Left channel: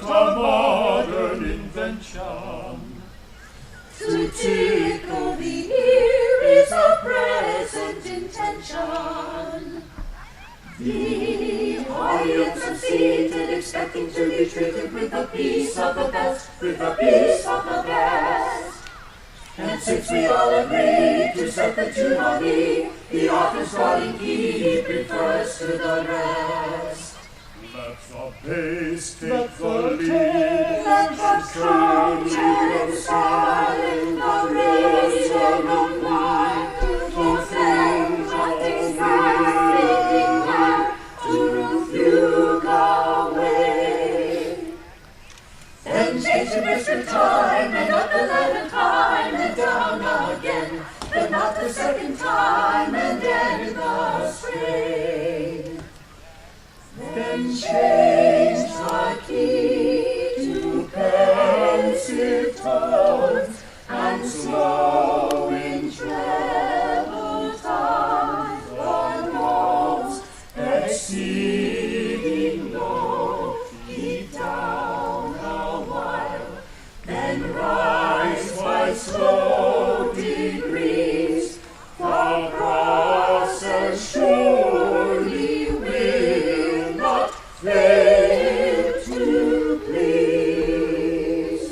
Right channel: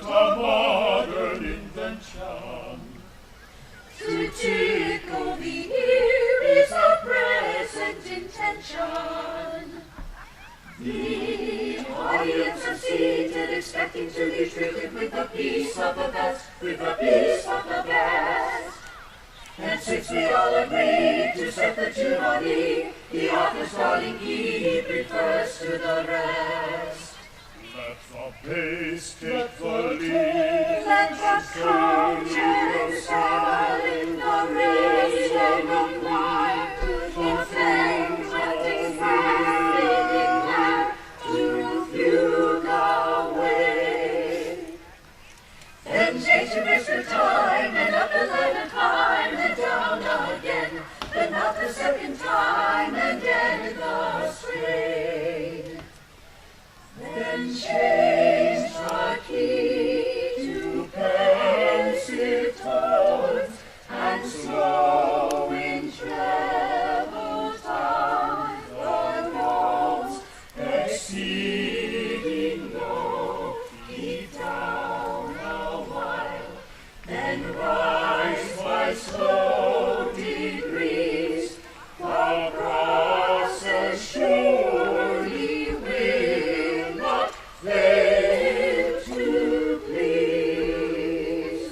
but a modern invention. To tickle the ear is a present intention. The audience are seated, expecting to be treated with a piece of the best, with a piece of the best. And since we all agree to set the tune on E, the author's calling key refers to the rest. That's a bass fitfully. Let the curtain swell in the rays of the choir, the flames that desire to fugue away. Then change the mystery time and up the letter time and down again, but not the second time and end the strain. Then change the key to pensive tones and slow in treble down the notes, exceeding low, keep down a while, then rise by slow degrees, the process surely will not fail to please.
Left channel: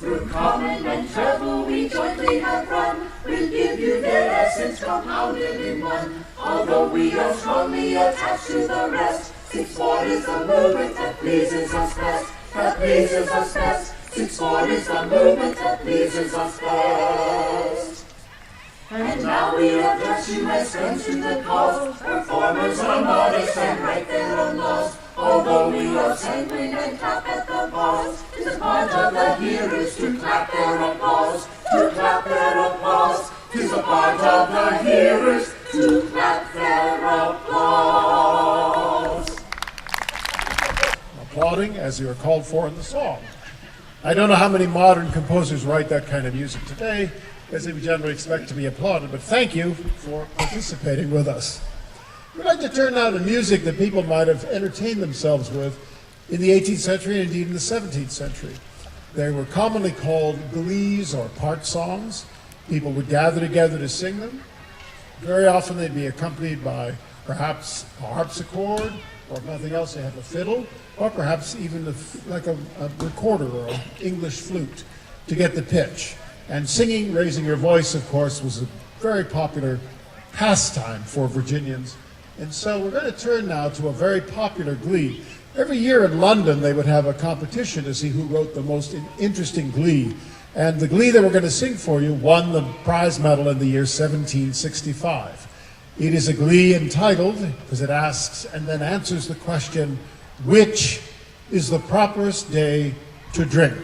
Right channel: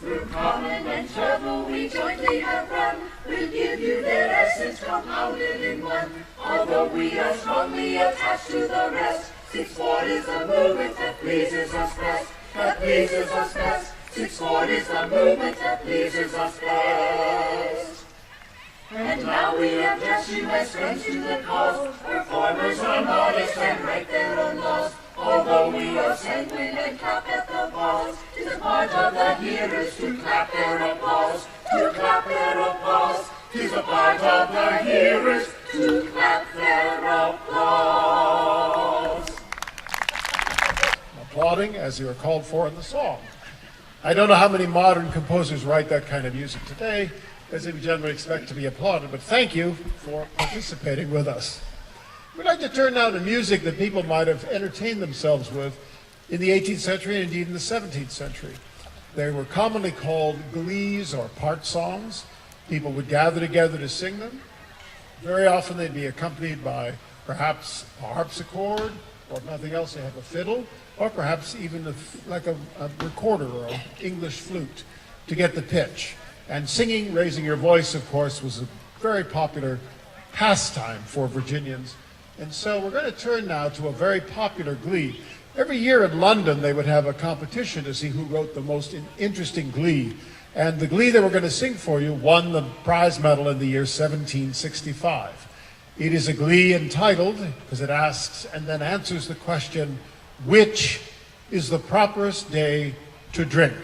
Through common and trouble we jointly have run, we'll give you their essence compounded in one. Although we are strongly attached to the rest, 6/4 is the movement that pleases us best, that pleases us best. 6/4 is the movement that pleases us best. And now we have dressed you as friends to the cause. Performers are modest and write their own laws. Although we are sanguine and clap at the pause, it's a part of the hearers to clap their applause, to clap their applause. It's a part of the hearers to clap their applause. Applauding as they are called for in the song. I don't know how many modern composers write that kind of music today, as they generally expect to be applauded, but thank you for participating with us. We'd like to turn now to music that people might have entertained themselves with in the 18th century and indeed in the 17th century. They were commonly called glees or part songs. People would gather together to sing them. Very often they'd be accompanied by perhaps a harpsichord, or if nothing else, they have a fiddle, or perhaps even like a recorder or an English flute to get the pitch. And singing, raising your voice, of course, was a very popular pastime for Virginians. And so we're going to turn now to a very popular glee. Every year in London, they would have a competition to see who wrote the most interesting glee. And the glee that we're going to sing for you won the prize medal in the year 1765. It is a glee entitled, because it asks and then answers the question, which is the properest day to drink?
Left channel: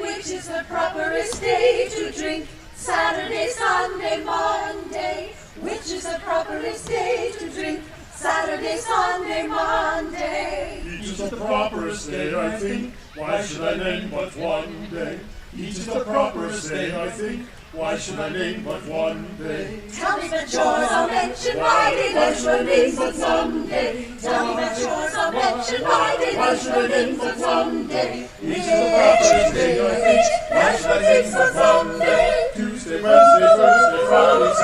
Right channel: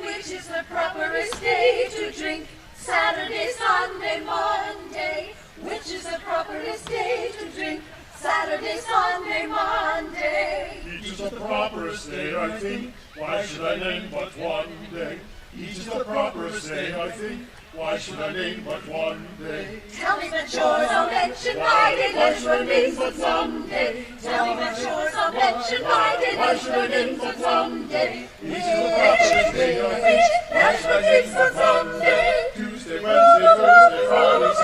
Which is the properest day to drink? Saturday, Sunday, Monday. Which is the properest day to drink? Saturday, Sunday, Monday. Each is the properest day, I think. Why should I name but one day? Each is the properest day, I think. Why should I name but one day? Tell me that yours I'll mention my day, that should means that someday. Tell me that yours I'll mention my day, that should means that someday. Each is the properest day, I think. That should means that someday. Tuesday, Wednesday, Thursday, Friday, Saturday,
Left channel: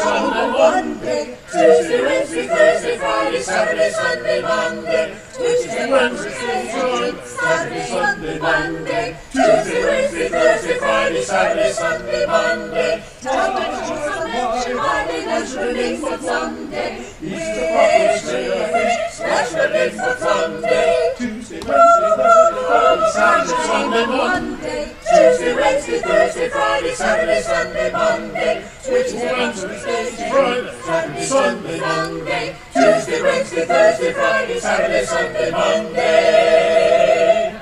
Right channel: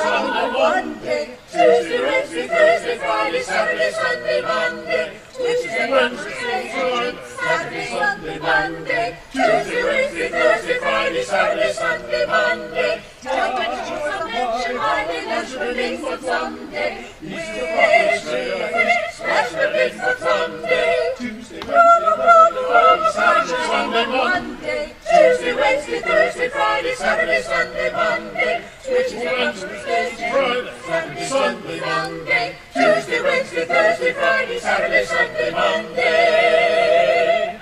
Sunday, Monday. Tuesday, Wednesday, Thursday, Friday, Saturday, Sunday, Monday. Which is the Wednesday, Saturday, Sunday, Monday. Tuesday, Wednesday, Thursday, Friday, Saturday, Sunday, Monday. Tell me that yours I'll mention my day, that should means that someday. Which that should means that someday. Tuesday, Wednesday, Thursday, Friday, Saturday, Sunday, Monday. Tuesday, Wednesday, Thursday, Friday, Saturday, Sunday, Monday. Which is the Wednesday, Friday, Saturday, Sunday, Monday. Tuesday, Wednesday, Thursday, Friday, Saturday, Sunday, Monday.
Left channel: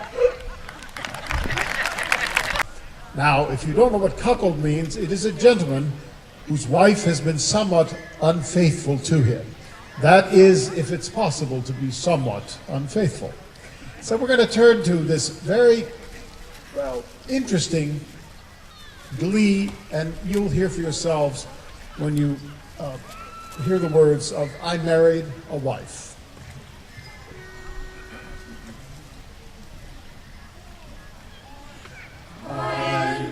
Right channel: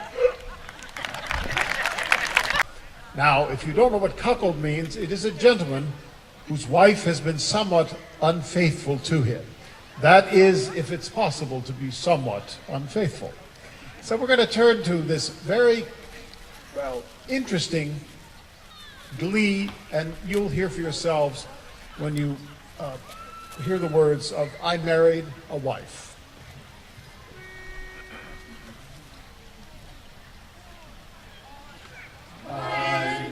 Now, if you don't know what cuckold means, it is a gentleman whose wife has been somewhat unfaithful to him. That is, if it's possible to be somewhat unfaithful. So we're going to turn to this very, interesting glee, and you'll hear for yourselves when you hear the words of I Married a Wife.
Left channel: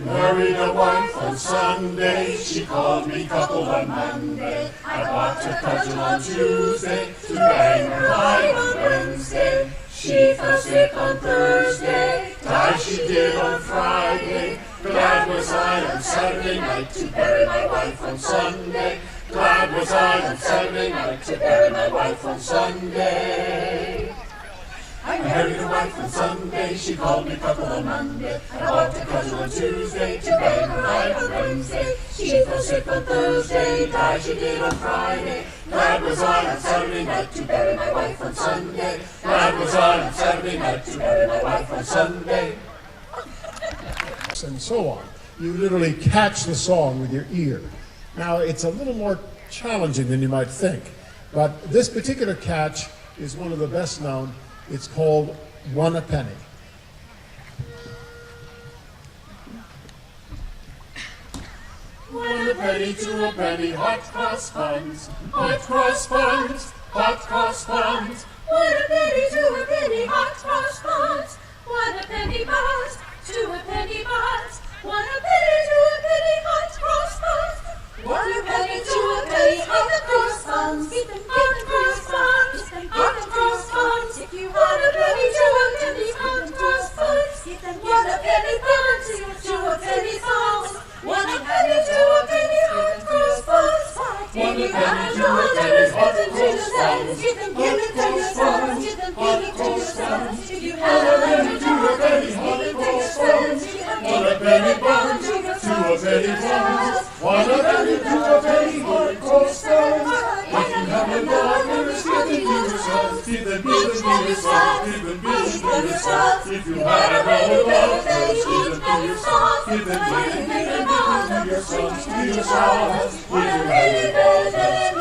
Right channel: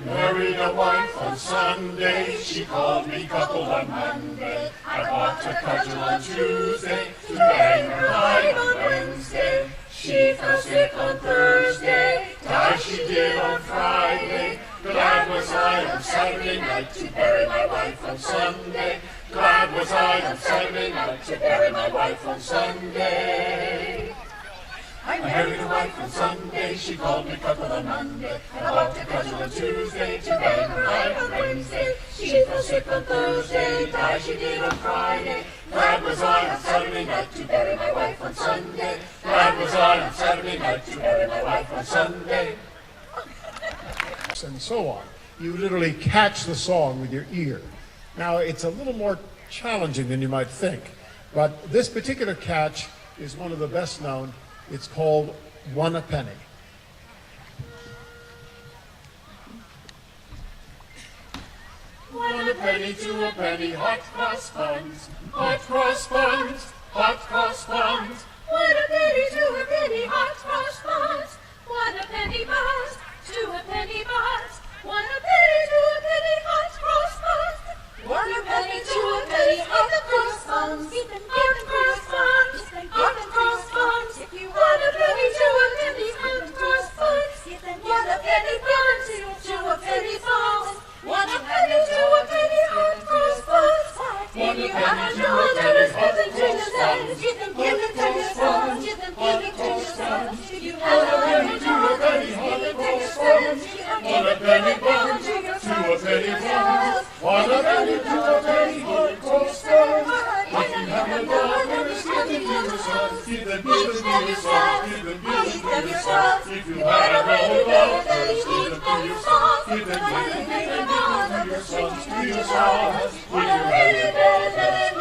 Married a wife on Sunday, she called me coupled on Monday. I bought a cudgel on Tuesday, to bang her hide on Wednesday. She fell sick on Thursday, died she did on Friday. Glad was I on Saturday night to bury my wife on Sunday. Glad was I on Saturday night to bury my wife on Sunday. I married a wife on Sunday, she called me coupled on Monday. I bought a cudgel on Tuesday, to bang her hide on Wednesday. She fell sick on Thursday, died she did on Friday. Glad was I on Saturday night to bury my wife on Sunday. Glad was I on Saturday night to bury my wife on Sunday. And so on. You literally catch the song with your ear. Now, it's a little more challenging than you might think, but this particular catch is one of the best known. It's called One a Penny. One a penny, two a penny, hot cross buns, hot cross buns, hot cross buns. One a penny, two a penny, hot cross buns. One a penny buns, two a penny buns. One a penny, two a penny, hot cross buns. One a penny, two a penny, hot cross buns. Hot cross buns, hot cross buns. If you want a penny, two a penny, hot cross buns. One a penny buns, two a penny buns. One a penny, two a penny, hot cross buns. If you have a dollar, give it to yourself. Give it to yourself. Give it to yourself. If you have a penny, two a penny, give it to yourself. One a penny buns, two a penny buns. One a penny, two a penny, hot cross buns. If you have a dollar, give it to yourself. Give them to yourself. Give them to yourself. If you have a dollar, give it to yourself. Give them to yourself. To yourself. If you have a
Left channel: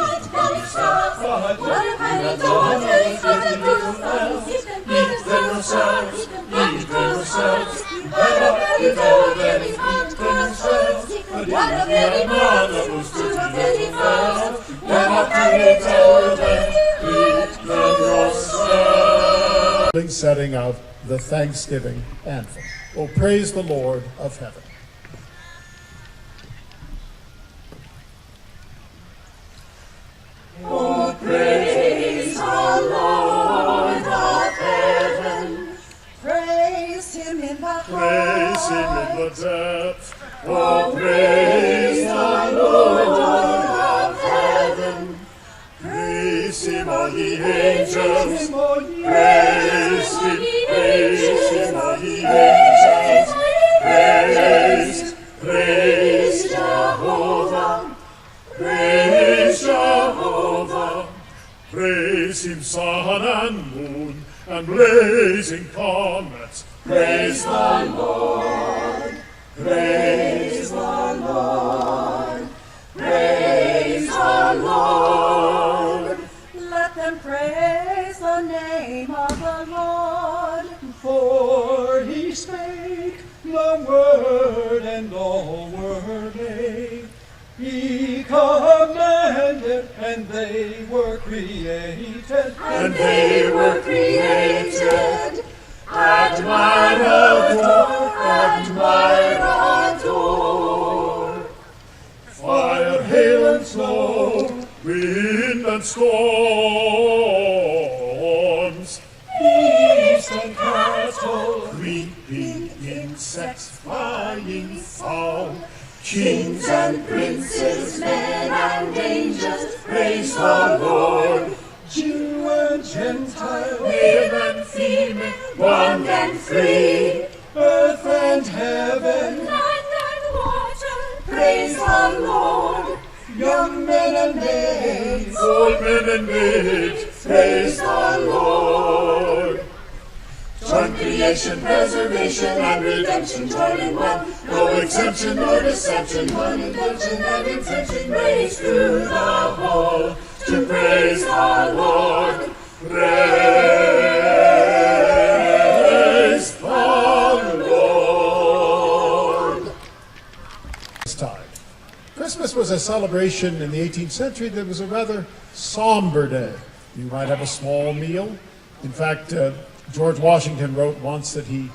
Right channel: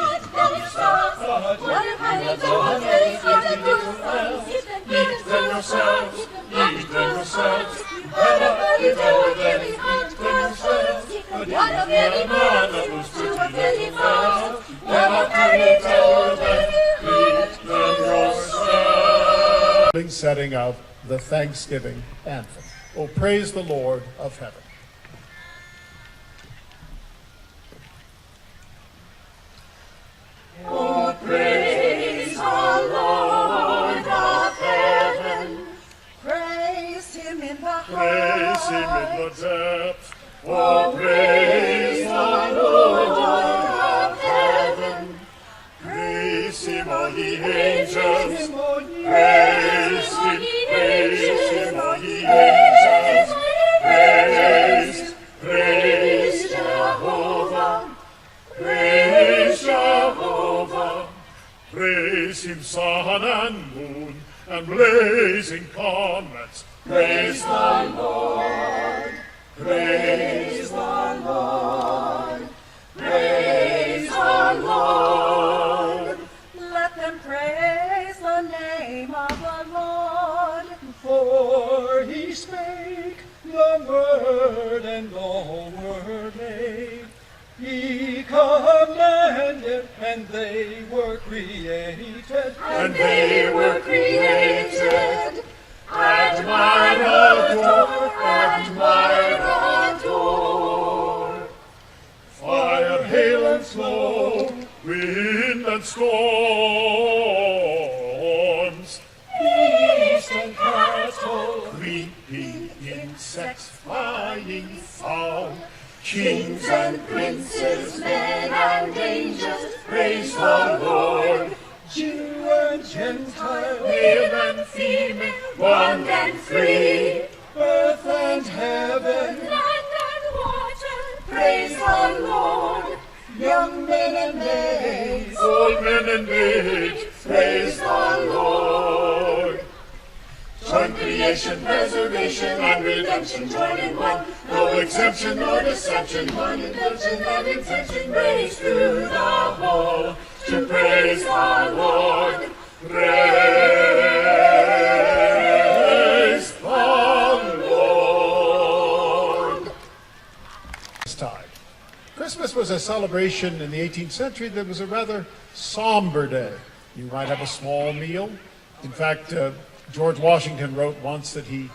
setting of the Thanksgiving anthem. Oh, praise the Lord of heaven. Oh, praise the Lord of heaven. Praise him in the praise him in high. the depth. Oh, praise the Lord of heaven. Praise him, all ye angels. Praise him, Praise him, all ye angels. Praise, praise Jehovah. Praise Jehovah. Praise him, sun and moon, and blazing comets. Praise the Lord. Praise the Lord. Praise the Lord. Let them praise the name of the Lord. For he spake the word, and all were made. He commanded, and they were created. And they were created. Admire, adore, admire, adore. Fire, hail, and snow, wind and storms, Beast and cattle, creeping insects, flying fowl, kings and princes, men and angels, praise the Lord. Jew and Gentile, Male and female, bond and free, earth and heaven, Land and water. praise the Lord. young men and maids, Old men and maids, praise the Lord. Join creation, preservation, and redemption, join in one. No exemption, no deception, one intention and intention, raised through the whole to praise the Lord. Praise the Lord. This time. Christmas was was a celebration in the 18th century that was a rather somber day. You might have a small meal. In fact, George Washington wrote once that it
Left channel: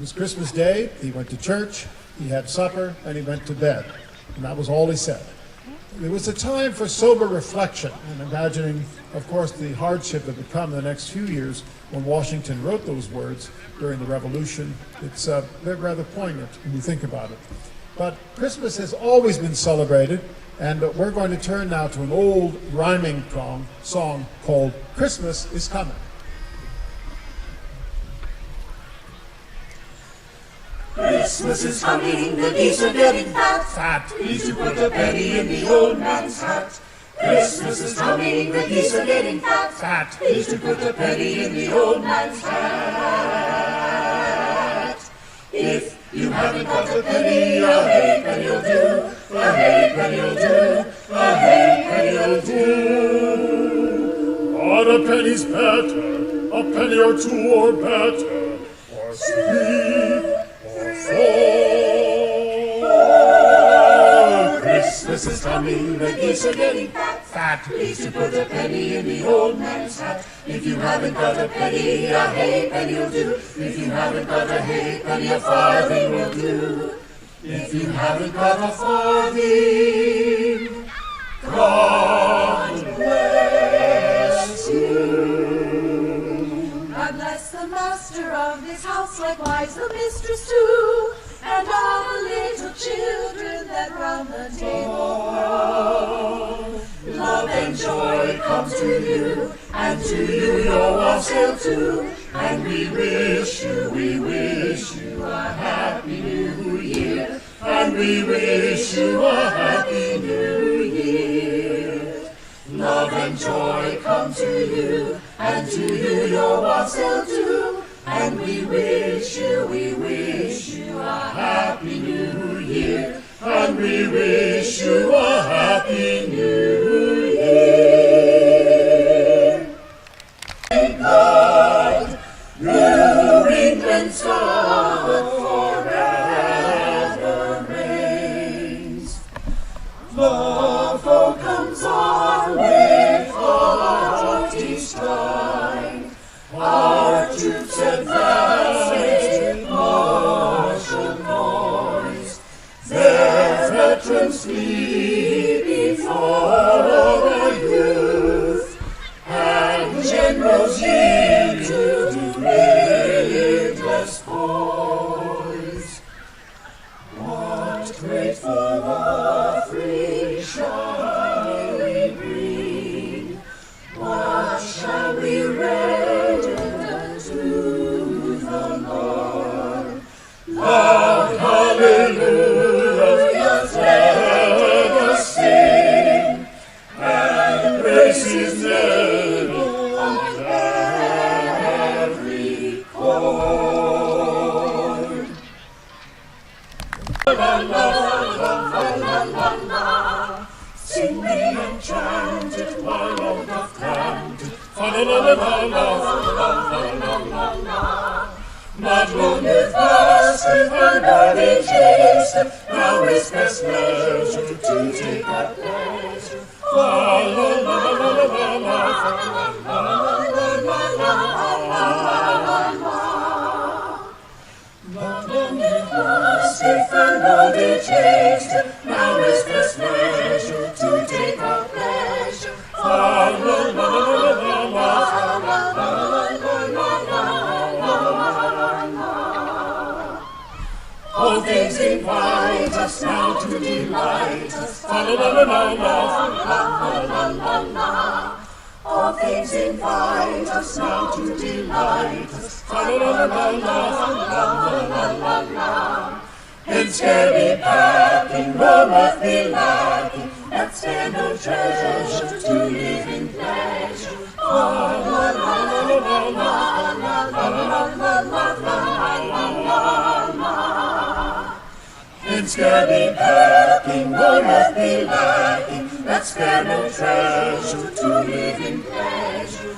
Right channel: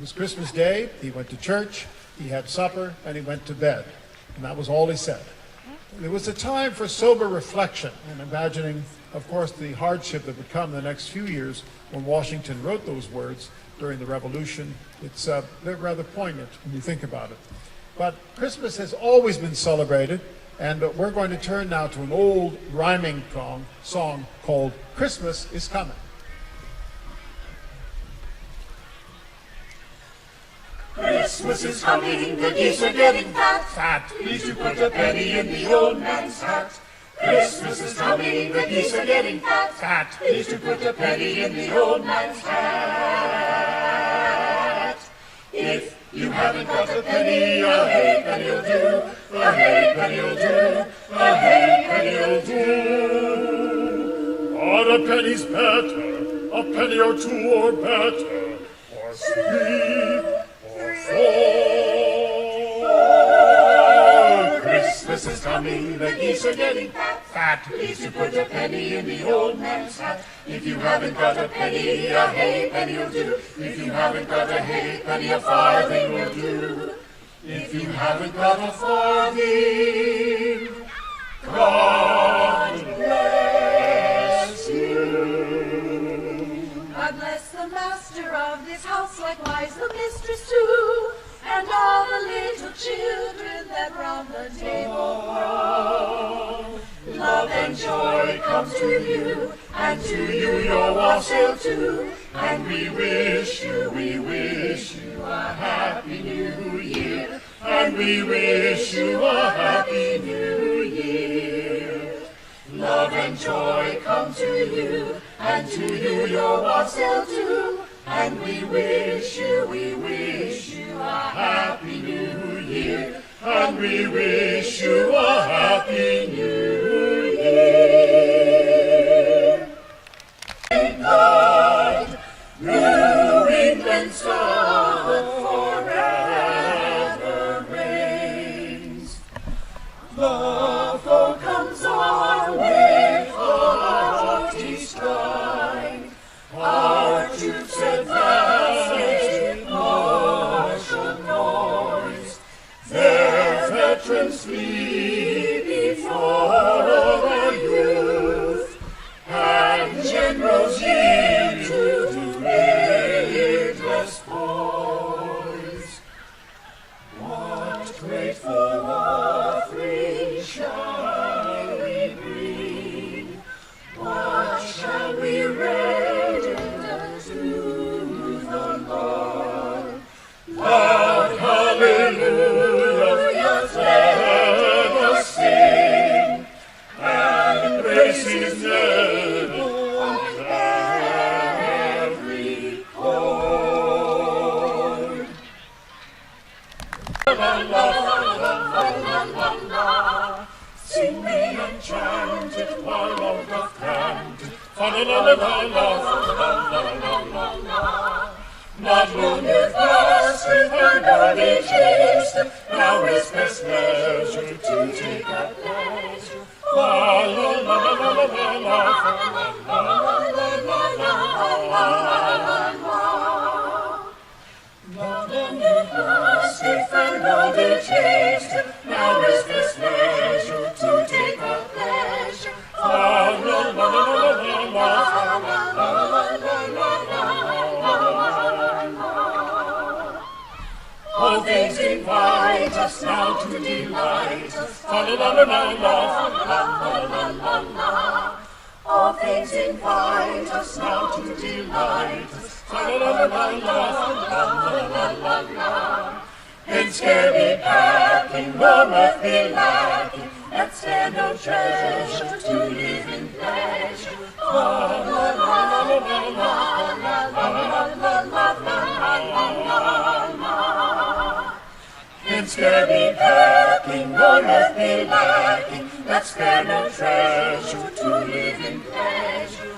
was Christmas Day, he went to church, he had supper, and he went to bed. And that was all he said. It was a time for sober reflection and imagining, of course, the hardship that would come in the next few years when Washington wrote those words during the Revolution. It's rather poignant when you think about it. But Christmas has always been celebrated, and we're going to turn now to an old rhyming song called Christmas is Coming. Christmas is coming, the geese are getting fat. Fat. Please to put a penny in the old man's hat. Christmas is coming, the geese are getting fat. Fat. Please to put a penny in the old man's hat. If you haven't got a penny, a halfpenny'll do. A halfpenny'll do. A halfpenny'll do. But a penny's better, a penny or two or better, or 3 or 4. Christmas is coming, the geese are getting fat. Fat. Please to put a penny in the old man's hat. If you haven't got a penny, a halfpenny'll do. If you haven't got a halfpenny, a farthing will do. If you haven't got a farthing, God bless you. God bless the master of this house, likewise the mistress too, and all the little children that round the table grow. Love and joy come to you, and to you your wassail too. And we wish you a happy new year. And we wish you a happy new year. Love and joy come to you, and to you your wassail too. And we wish you a happy new year. And we wish you a happy new year. Thank God, New England's God forever reigns. The comes on with hearty stride. Our troops advance with martial noise. Their veterans flee before our youth, and generals yield to needless poise. What grateful offering shall we bring? What shall we render to the Lord? Loud hallelujahs let us sing, and praise His name on every chord. La la la la la la la. Sing we and chant it while all doth grant it. Fa la la la la la la la la la la. Not long if lasted, and early tasted, now is best measure to take a pleasure. Fa la la la la la la la, fa la la la la la la la. Not long if lasted, and early tasted, now is best measure to take a pleasure. Fa la la la la la la, fa la la la la la la. All things invite us now to delight us. Fa la la la la la, fa la la la la. All things invite us now to delight us. Fa la la la la la, fa la la la la. In scary packing, no mirth be lacking. Let's spare no treasure to live in pleasure. Fa la la la la la la la la la la la. In scary packing, no mirth be lacking. Let's spare no treasure to live in pleasure.